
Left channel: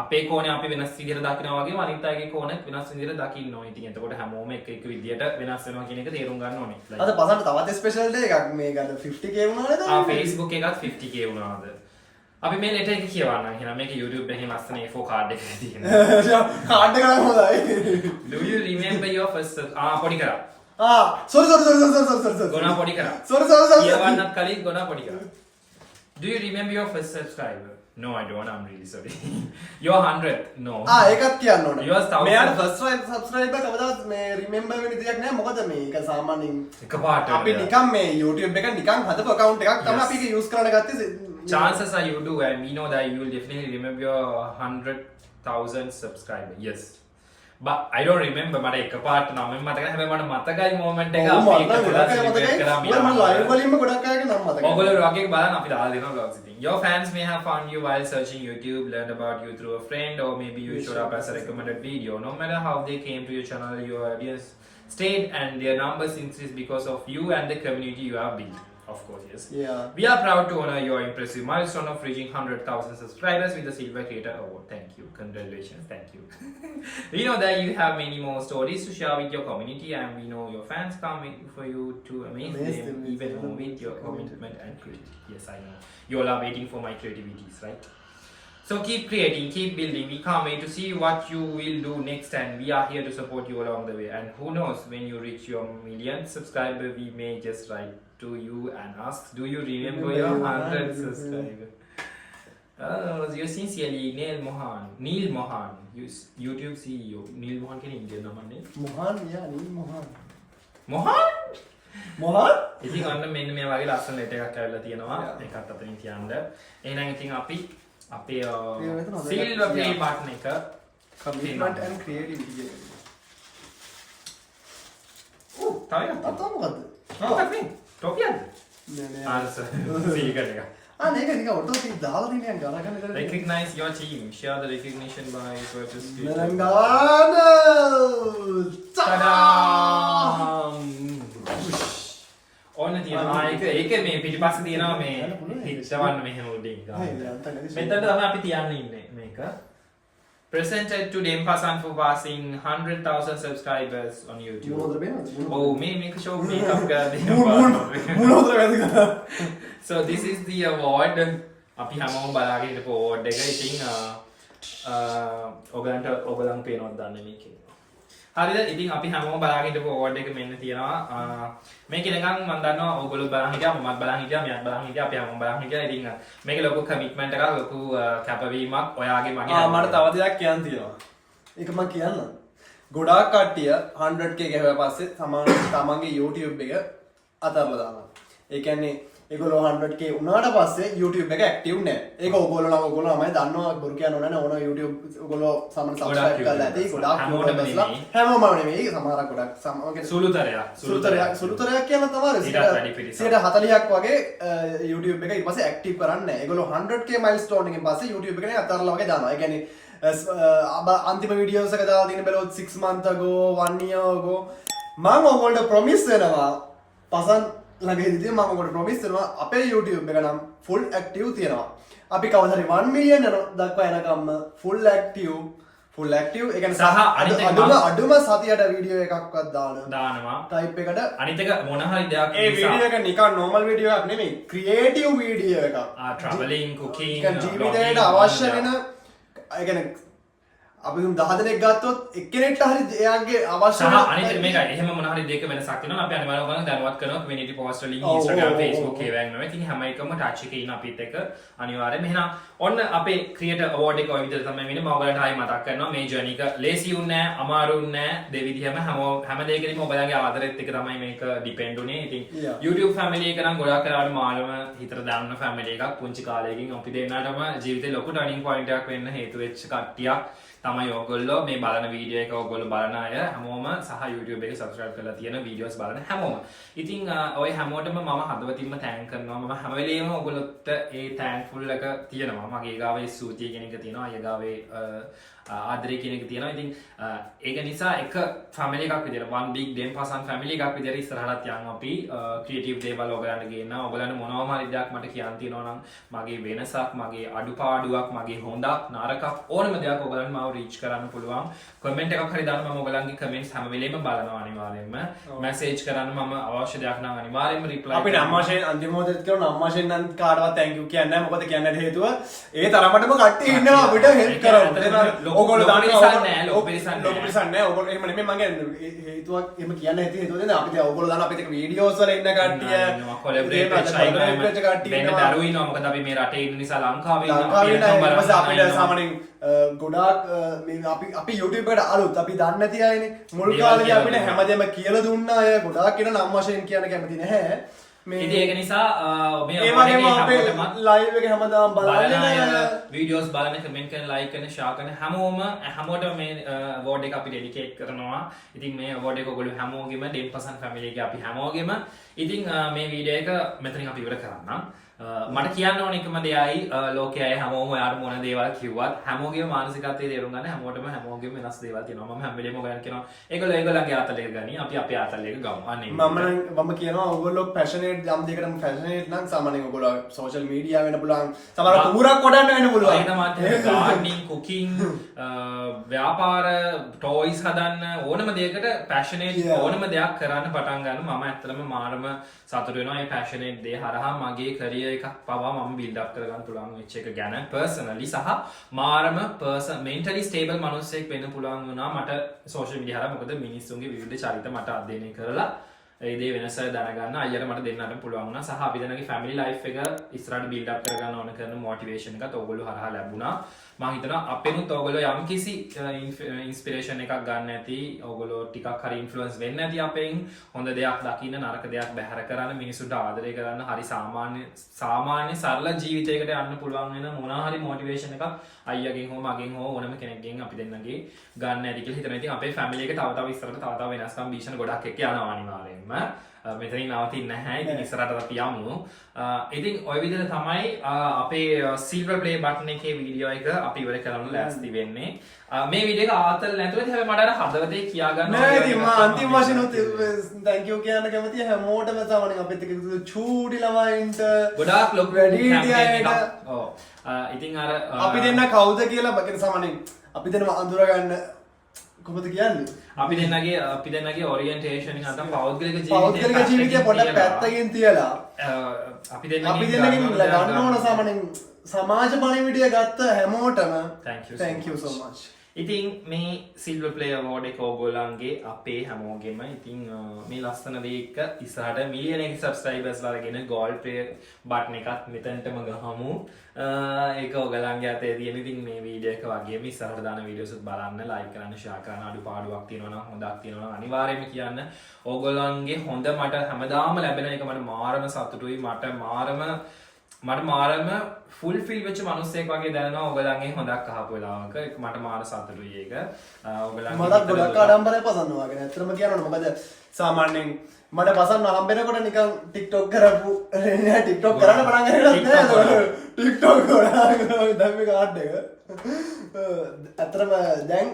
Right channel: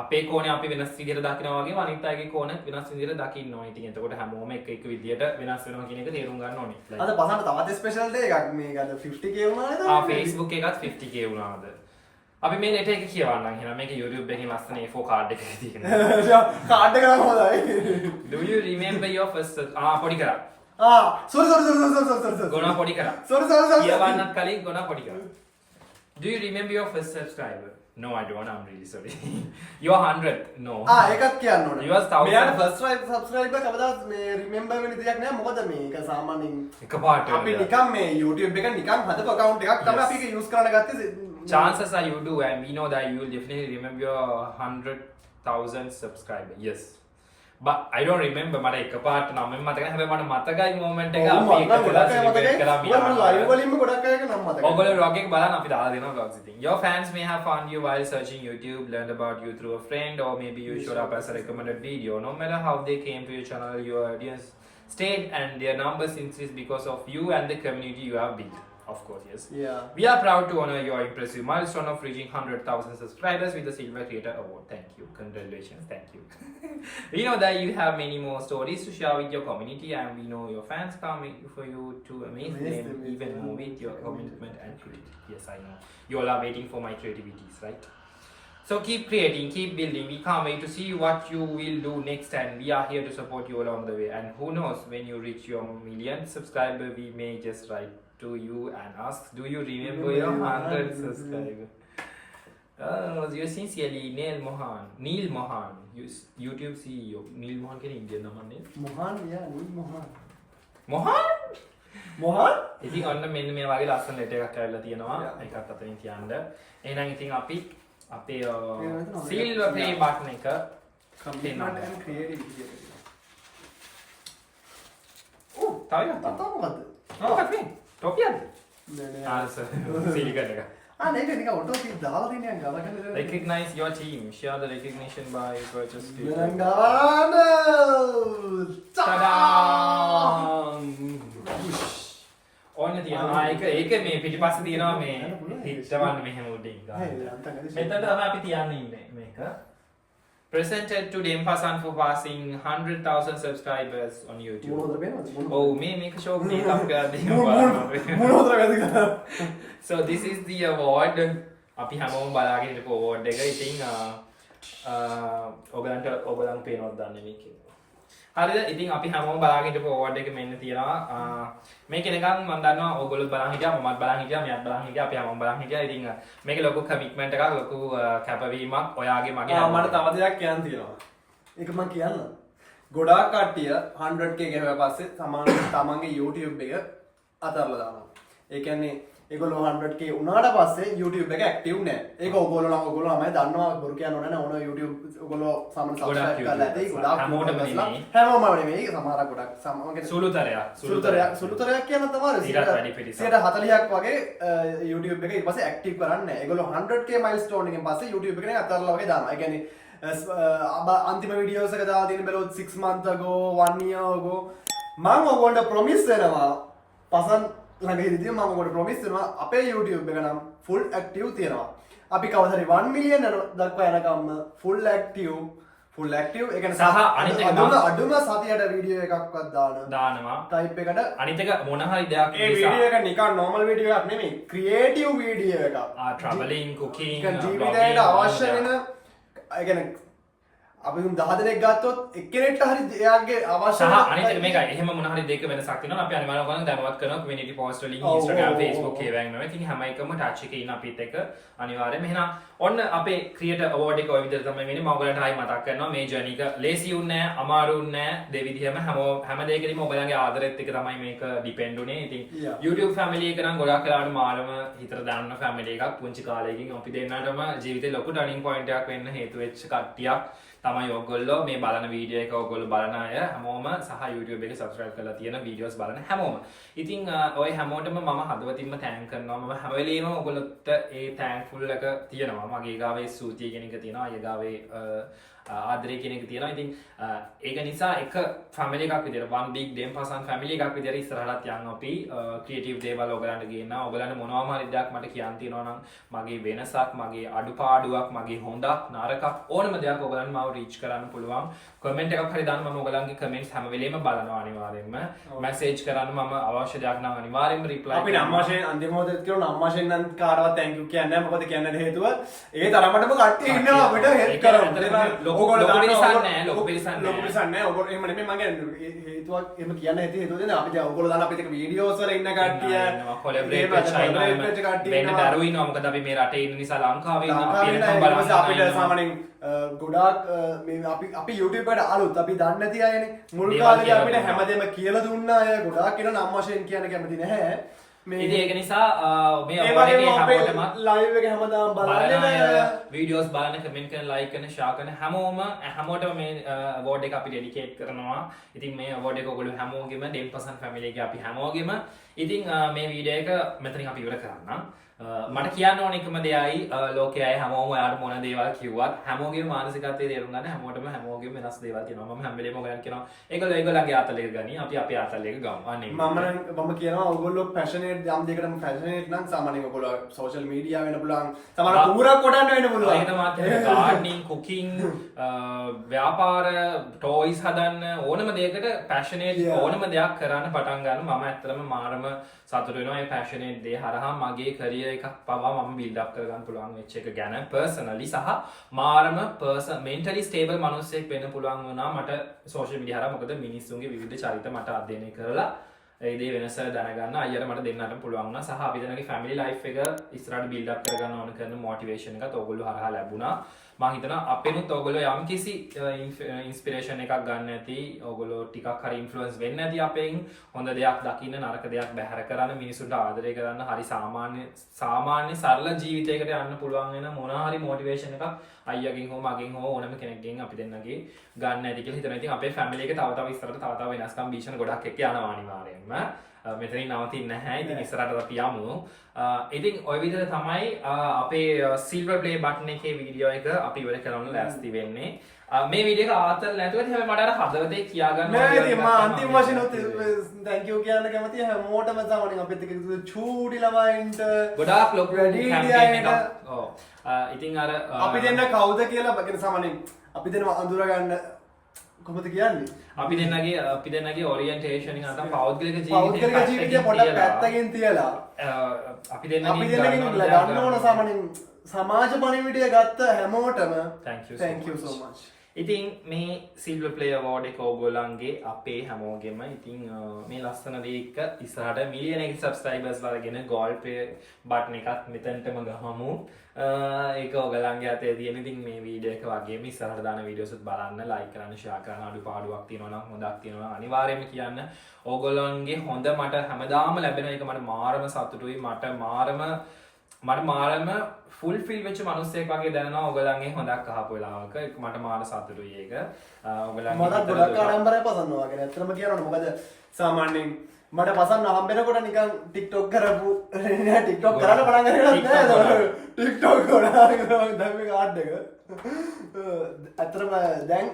අපේ කෝණේ අපි වෙනස් විදිහට දකිනවා වගේම අනිත් අයගේ කෝණෙත් වෙනස් විදිහට දකින්න ඕනේ. ඉතින් එතකොට හැමෝම එක විදිහට වෙනස් වෙනවා කියන එක තේරුම් ගන්න ඕනේ. අද පසන්ට තවත් ස්පෙෂල් ඩේ එකක් මේක අද 50k වුණාද? Facebook එකත් 50k වුණාද? අපි මේ ලෙටර් එක කියවන්නම්. එහෙනම් මේක YouTube එකේ ලස්සන A4 කාඩ් එකක තියෙනවා. කාඩ් එක නම් හොඳයි. Do you remember your first පොඩි කරා. sorry ගොනා පොඩි කරා. sorry කියවන්නත් කලින් ගොනා පොඩි කරා. Do you remember your first subscriber? No, I don't. I'm really sorry. You're 100. No. ඒකත් කියන්න ඕනේ. You was 1000. මෙයාට first subscriber කවදාවත් මේ remember වෙන විදියක් නෑ. මොකද මේක සාමාන්‍යයෙන් එකපාරට අපි නිකන් මේ YouTube එක නිකන් හදපු account එකක් තමයි අපි ඒක use කරන්න ගත්තේ. Chances are you do, and we know that you will definitely remember your 100,000 subscribers. Yes. But I don't remember. මට එකපාරට නම් මතක නැහැ. හැබැයි මට මතකයි moment එක අපි එක පොඩක් celebrate කරා මම live වලින්ම ගොඩක් අයගේ නම් මතකයි. ඔයගොල්ලෝ vlog එක බලන්න අපි දාලා දෙනවා vlogs ඉතින්. Your fans may have found you while searching YouTube, learned about you through a friend, or maybe you showed up as a recommended video. No matter how they came to your channel, your audience stayed and their numbers increased because of you and the community you have built. Of course, yes. Yeah. We are proud to honor your impressive milestone of reaching 100,000 subscribers with the Silver Creator Award. Thank you. Congratulations. Thank you. We know that you have many more stories to share with your community, and we know your fans can't wait for you to amaze them even more with your commitment and creativity. Yes, I know. You all are waiting for my creativities, right? So keep creating, keep building. We can't wait to see what you will do next, and we are here to support you along the way. And who knows, when you reach your millionth subscriber, we may just write to you and ask, do you remember your 100th subscriber? You're sincerely Neil Mohan, YouTube CEO. Neil Mohan can Indian number name? Mohan, yeah, Neil Mohan. Mohan? Mohan? ඉතින් ඔන්න මෙන්න මේ වගේ ලස්සන letter එකක් ඇවිල්ලා තියෙනවා. ඒකත් අතරින් තියන්න. එහෙනම් ඉතින් අපි අපේ silver play button එක commitment and creativity. තව එකක් මොකද්ද? මොකක්ද මේ? ටොපියක්ද? නෑ ආන්සර් සීගල් එක. මේක නිකන් ඔටෝ තී දාලා තියෙන ගමනක නේද? Recognize your team. Share the recognition by purchase. නරංගාන! Ta-da! ඕන්න තියෙනවා ඒක මේ පිටිපස්සේ තියෙනවා මේ හිටවන්න මෙහෙම උඩින් ගන්න. මෙතන තමයි අපි තියන්න ඉන්නේ මේක. Presented to dempasan for passing 100,000 subscribers on YouTube. Oh, මේක show makeup කරලා දෙනවා. So this is the award. අපි හැමෝම බලාගෙන ඉන්න award එක. ඉතින් ඔයගලන් පේනවද දන්නේ මේකේ. හරිද? ඉතින් අපි හැමෝම බලාගෙන ඉන්න award එක මෙන්න තියෙනවා. මේක නිකන් මම දන්නවා ඔයගොල්ලෝ බලන් හිටියා, මමත් බලන් හිටියා, මෙයාත් බලන් හිටියා, අපි හැමෝම බලන් හිටියා. ඉතින් මේක ලොකු commitment එකක්, ලොකු කැපවීමක් ඔයාගේ මගේ. මට තව දෙයක් කියන්න තියෙනවා. ඒක මම කියන්න. ගොඩාක් කට්ටිය 100k ගහුවා පස්සේ තමන්ගේ YouTube එක අතහැරලා දානවා. ඒ කියන්නේ ඒගොල්ලෝ 100k උනාට පස්සේ YouTube එක ඇක්ටිව් නැහැ. ඒක ඔයගොල්ලෝ ළමයි දන්නවා බොරු කියන්න ඕනේ නැහැ. ඕන YouTube ඔයගොල්ලෝ සාමාන්‍ය subscribe කරලා ඇති. ගොඩාක් හැමෝටම නෙමෙයි. හැමෝම නෙමෙයි. සමහරක් ගොඩක් සමහරක් සුළුතරයක් කියන තමයි 40ක් වගේ YouTube එක ඊට පස්සේ ඇක්ටිව් කරන්නේ නැහැ. ඒගොල්ලෝ 100k milestone එකෙන් පස්සේ YouTube එකනේ අතහැරලා වගේ දානවා. ඒ කියන්නේ අන්තිම වීඩියෝස් එක දාලා තියෙන බැලුවොත් 6 months ago 1 year ago මම ඔයගොල්ලන්ට ප්‍රොමිස් වෙනවා පසන් ළඟදී මම ඔයගොල්ලන්ට ප්‍රොමිස් වෙනවා අපේ YouTube එක නම් full active තියෙනවා. අපි කවදාද 1 million දක්වා යනකම් full active ඒ කියන්නේ සහ අනිත් එක අඩුම සතියට වීඩියෝ එකක්වත් දානවා type එකට. අනිත් එක මොන හරි දෙයක් ඒ වීඩියෝ එක නිකන් normal වීඩියෝ එකක් නෙමෙයි creative වීඩියෝ එකක්. traveling cooking ජීවිතයට අවශ්‍ය වෙන ඒ කියන්නේ අපි 10 දෙනෙක් ගත්තොත් එක්කෙනෙක්ට හරි එයාගේ අවශ්‍ය සහ අනිත් එක මේකයි. එහෙම මොන හරි දෙක වෙනසක් වෙනවා. අපි අනිවාර්යයෙන්ම ඔයගොල්ලන් දැනුවත් කරනවා community post වලින් Instagram Facebook ඒවෙන් නෙවෙයි. ඉතින් හැම එකම touch එකේ ඉන්න අපිත් එක්ක අනිවාර්යයෙන්ම. එහෙනම් ඔන්න අපේ creator award එක ඔය විදිහට තමයි වෙන්නේ. මම ඔයගොල්ලන්ට ආයි මතක් කරනවා මේ journey එක ලේසි උන්නේ නැහැ, අමාරු උන්නේ නැහැ. දෙවිදිහම හැම දෙයකදීම ඔයගොල්ලන්ගේ ආදරෙත් එක තමයි මේක depend උනේ. ඉතින් YouTube family එක නම් ගොඩක් කරාට මාළම හිතට දාන්න family එකක්. පුංචි කාලයකින් අපි දෙන්නටම ජීවිතේ ලොකු turning point එකක් වෙන්න හේතු වෙච්ච කට්ටියක්. තමයි ඔයගොල්ලෝ මේ බලන වීඩියෝ එක ඔයගොල්ලෝ බලන අය හැමෝම සහ YouTube එක subscribe කරලා තියෙන වීඩියෝස් බලන හැමෝම. ඉතින් ඔය හැමෝටම මම හදවතින්ම thank කරනවා. මම හැම වෙලේම ඔයගොල්ලොත් ඒ thankful එක තියෙනවා. මගේ ගාවේ සූතිය කියන එක තියෙනවා. අය ගාවේ ආදරය කියන එක තියෙනවා. ඉතින් ඒක නිසා එක family එකක් විදියට one big dempasan family එකක් විදියට ඉස්සරහට යන් අපි creative දේවල් ඔයගලන්ට ගේනවා. ඔයගලන්ට මොනවා හරි දෙයක් මට කියන්න තියෙනවා නම් මගේ වෙනසක්, මගේ අඩුපාඩුවක්, මගේ හොඳක්, නරකක් ඕනම දෙයක් ඔයගලන්ට මාව reach කරන්න පුළුවන්. comment එකක් හරි දාන්න මම ඔයගලන්ගේ comments හැම වෙලේම බලනවා අනිවාර්යෙන්ම. message කරන්න මම අවශ්‍ය දෙයක් නම් අනිවාර්යෙන්ම reply අපි අම්මාෂෙන් අන්තිම මොහොතේ කරන අම්මාෂෙන් නම් කාටවත් thank you කියන්නේ නැහැ. මොකද කියන්නේ හේතුව ඒ තරමටම කට්ටිය ඉන්නවා අපිට help කරමු. ඔයගොල්ලෝ දාන්න ලොකු පිරිසක් නැහැ. ඔයගොල්ලෝ එහෙම නෙමෙයි මම කියන්නේ හේතුවක් එහෙම කියන්න හේතුව දෙන්නේ අපි දැන් ඔයගොල්ලෝ දාන්න අපිට වීඩියෝස් වල ඉන්න කට්ටිය collaborate වෙන්න දරුවෝ ඉන්නවා. මොකද අපි මේ රටේ ඉන්න නිසා ලංකාවේ ඉන්න අපි බලන්න අපිට සාමාන්‍යයෙන් ගොඩාක් අපි YouTube එකට අලුත් අපි දන්නේ නැති අයනේ. මුල් කාලේ අපිට හැමදේම කියලා දුන්න අය ගොඩාක් කෙනා නම් වශයෙන් කියන්න කැමති නැහැ. ඉතින් ඒක නිසා මේ හැමෝටම ලයිව් එක හැමදාම බලන්න අය වීඩියෝස් බලන්න, කමෙන්ට් කරන, ලයික් කරන, ෂෙයා කරන හැමෝටම මේ අවෝඩ් එක අපි ඩෙඩිකේට් කරනවා. ඉතින් මේ අවෝඩ් එක ඔයගොල්ලෝ හැමෝගෙම dempasan family එකේ අපි හැමෝගෙම ඉතින් මේ වීඩියෝ එක මෙතනින් අපි ඉවර කරන්නම්. මට කියන්න ඕන එකම දෙයයි ලෝකයේ අය හැමෝම ඔයාලට මොන දේවල් කිව්වත් හැමෝගේම මානසිකත්වයේ තේරුම් ගන්න හැමෝගෙම වෙනස් දේවල් තියෙනවා. මම හැම වෙලේම ඔයගලන්ට කියනවා ඒගොල්ලෝ ඒගොල්ලන්ගේ ආතලෙක ගනි, අපි අපේ ආතලෙක ගමු. අනේ මම කියනවා ඔයගොල්ලෝ passionate යම් දෙයකටම passionate නම් සාමාන්‍යයෙන් ඔයගොල්ලෝ social media වෙන්න පුළුවන්. සමහර කුඹුරක් කොටන්න වෙන්න පුළුවන්. ඒක තමයි gardening, cooking, ව්‍යාපාර, toys හදන්න ඕනම දෙයකට passionate ඕනම දෙයක් කරන්න පටන් ගන්න. මම ඇත්තටම මාරම සතුටු වෙනවා මේ passionate දේ හරහා මගේ career එකක් පවා මම build up කරගන්න පුළුවන් වෙච්ච එක ගැන personally සහ මාරම mentally stable මිනිස්සෙක් වෙන්න පුළුවන් වුණා මට social media හරහා. මොකද මිනිස්සුන්ගේ විවිධ චරිත මට අධ්‍යයනය කරලා ඒ දේ වෙනස දැනගන්න අයියට මට දෙන්නට පුළුවන් වුණා. සහ අපි දෙන්නගේ family life එක ඉස්සරහට build up කරගන්න ඕන කරන motivation එකත් ඕගොල්ලෝ හරහා ලැබුණා. මම හිතනවා අපෙනුත් ඕගොල්ලෝ යම් කිසි inspiration එකක් ගන්න ඇති. ඕගොල්ලෝ ටිකක් හරි influence වෙන්න ඇති අපෙන්. හොඳ දෙයක් දකින්න, නරක දෙයක් බැහැර කරන්න, මිනිසුන්ට ආදරය කරන්න, හරි සාමාන්‍ය සරල ජීවිතයකට යන්න පුළුවන් වෙන මොනවා හරි motivation එකක් අයියගෙන් හෝ මගෙන් හෝ ඕනම කෙනෙක්ගෙන් අපි දෙන්නගේ ගන්න ඇති කියලා හිතනවා. ඉතින් අපේ family එක තව ඉස්සරහට තව වෙනස්කම් භීෂණ ගොඩක් එක්ක යනවා අනිවාර්යෙන්ම. මෙතනින් නවතින්නේ නැහැ. ඉතින් ඉස්සරහට අපි යමු. ඉතින් ඔය විදිහට තමයි අපේ silver play button එකේ වීඩියෝ එක අපි ඉවර කරන්න ලෑස්ති වෙන්නේ. මේ වීඩියෝ එක ආතල් නැතුව හැබැයි මට අර හදවතේ කියා ගන්න නෑ. ඉතින් මම අන්තිම වශයෙන් thank you කියන්න කැමතියි හැමෝටම සාමාන්‍යයෙන් අපිත් එක්ක චූටි ළමයින්ට ගොඩාක් ලොකු campaign එකක්. ඔව්. ඉතින් අර අපි දෙන්න කවුද කියලා බගෙන සාමාන්‍යයෙන් අපි දෙන්නම අඳුර ගන්න කොහොමද කියන්නේ? අපි දෙන්නගේ orientation එක නැත්නම් පෞද්ගලික ජීවිතේ පොඩ්ඩක් පැත්තකින් තියලා අපි දෙන්නගේ ගන්න ඕන සාමාන්‍යයෙන් සමාජ පණිවිඩය ගත්ත හැමෝටම thank you so much. ඉතින් මේ silver play award එක ඕගොල්ලන්ගේ අපේ හැමෝගෙම ඉතින් මේ ලස්සන දේ එක ඉස්සරහට මිලියන එක subscribers ලාගෙන gold play button එකත් මෙතනටම ගහමු. ඒක ඕගොල්ලන්ගේ අතේ තියෙන. ඉතින් මේ වීඩියෝ එක වගේම ඉස්සරහට දාන වීඩියෝස් උත් බලන්න, like කරන්න, share කරන්න, අඩුපාඩුවක් තියෙනවා නම් හොඳක් තියෙනවා නම් අනිවාර්යයෙන්ම කියන්න. ඕගොල්ලන්ගේ හොඳ මට හැමදාම ලැබෙන එක මට මාරම සතුටුයි. මට මාරම fulfill වෙච්ච මිනිස්සෙක් වගේ දැනෙනවා ඔයගලන්ගේ හොඳක් අහපු වෙලාවක. මට මාර සතුටුයි ඒක. ඔයගලන්ගේ මට ගොඩක් ආඩම්බරයි පසන්නවා වගේ. ඇත්තටම කියනවනේ මොකද සාමාන්‍යයෙන් මට පසන්න හම්බෙනකොට නිකන් TikTok කරපු TikTok කරන්න පටන් ගන්නවා නේද? TikTok කරා දැන් මේ කාඩ් එක. ඇත්තටම දැන්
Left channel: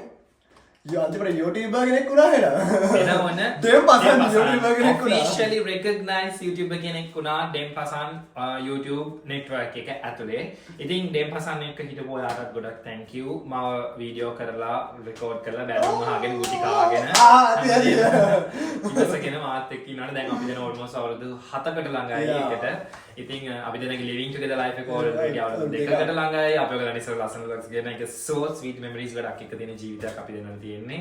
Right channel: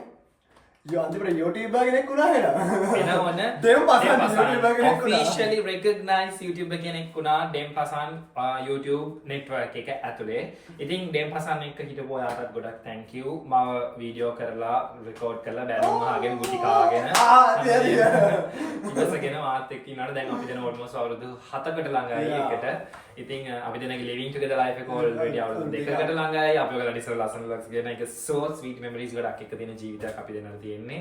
අන්තිමට YouTuber කෙනෙක් වුණා එනවන dempasan YouTuber කෙනෙක් වුණා. officially recognized YouTuber කෙනෙක් වුණා dempasan YouTube network එක ඇතුලේ. ඉතින් dempasan එක හිටපු ඔයාලට ගොඩක් thank you. මම වීඩියෝ කරලා record කරලා බැලුම් අහගෙන ගුටි කාගෙන ඉතින් මාත් එක්ක ඉන්නකොට දැන් අපි දෙන almost අවුරුදු 7කට ළඟයි එකට. ඉතින් අපි දෙනගේ living together life එක already අවුරුදු 2කට ළඟයි. අපි ඔයගලට ඉස්සර ලස්සන vlogs ගෙන එක so sweet memories ගොඩක් එක්ක තියෙන ජීවිතයක් අපි දෙන්නට තියෙන්නේ.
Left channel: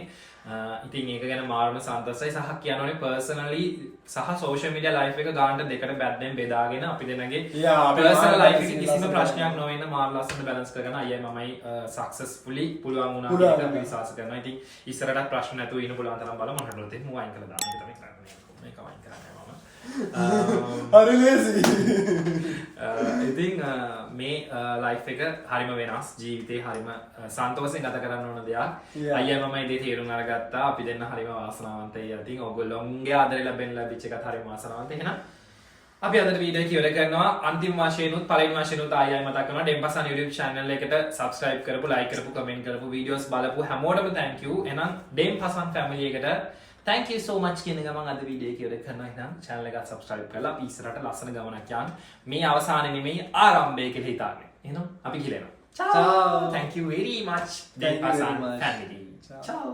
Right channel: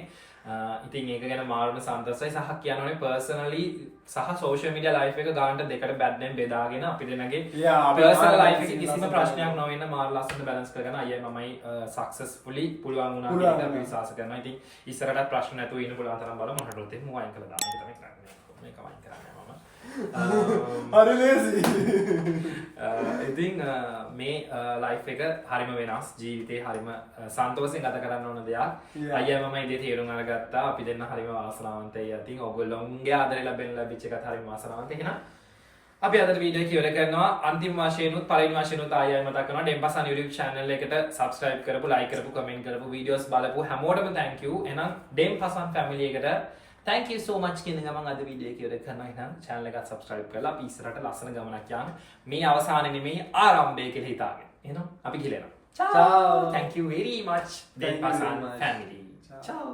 ඉතින් ඒක ගැන මාර්ම සන්තෝෂයි. සහ කියනෝනේ personally සහ social media life එක ගානට දෙකට බැද්දෙන් බෙදාගෙන අපි දෙනගේ personal life එකේ කිසිම ප්‍රශ්නයක් නොවෙන්න මාර ලස්සනට balance කරගෙන අයියයි මමයි successfully පුළුවන් වුණා කියලා අපි විශ්වාස කරනවා. ඉතින් ඉස්සරහට ප්‍රශ්න නැතුව ඉන්න පුළුවන් තරම් බලමු. මොනවද තේ මම වයින් කළා දාන්න. ඒක තමයි කරන්නේ. මේක වයින් කරන්නේ මම. හරි ලේසි. ඉතින් මේ ලයිෆ් එක හරිම වෙනස් ජීවිතේ හරිම සන්තෝෂයෙන් ගත කරන්න ඕන දෙයක්. අයියා මම ඉතින් තීරුම් අරගත්තා අපි දෙන්න හරිම වාසනාවන්තයි. ඉතින් ඔයගොල්ලෝගේ ආදරය ලැබෙච්ච එකත් හරිම වාසනාවන්ත. එහෙනම් අපි අද වීඩියෝ එක ඉවර කරනවා. අන්තිම වශයෙන්ුත් පළවෙනි වශයෙන්ුත් ආයෙත් මතක් කරනවා dempasan YouTube channel එකට subscribe කරපු, like කරපු, comment කරපු, videos බලපු හැමෝටම thank you. එහෙනම් dempasan family එකට thank you so much කියන ගමන් අද වීඩියෝ එක ඉවර කරනවා. එහෙනම් channel එකත් subscribe කරලා අපි ඉස්සරහට ලස්සන ගමනක් යන්න. මේ අවසානයේ නෙමෙයි ආරම්භය කියලා හිතාගෙන. එහෙනම් අපි ගිලෙනවා. Ciao. Thank you very much dempasan family. Ciao.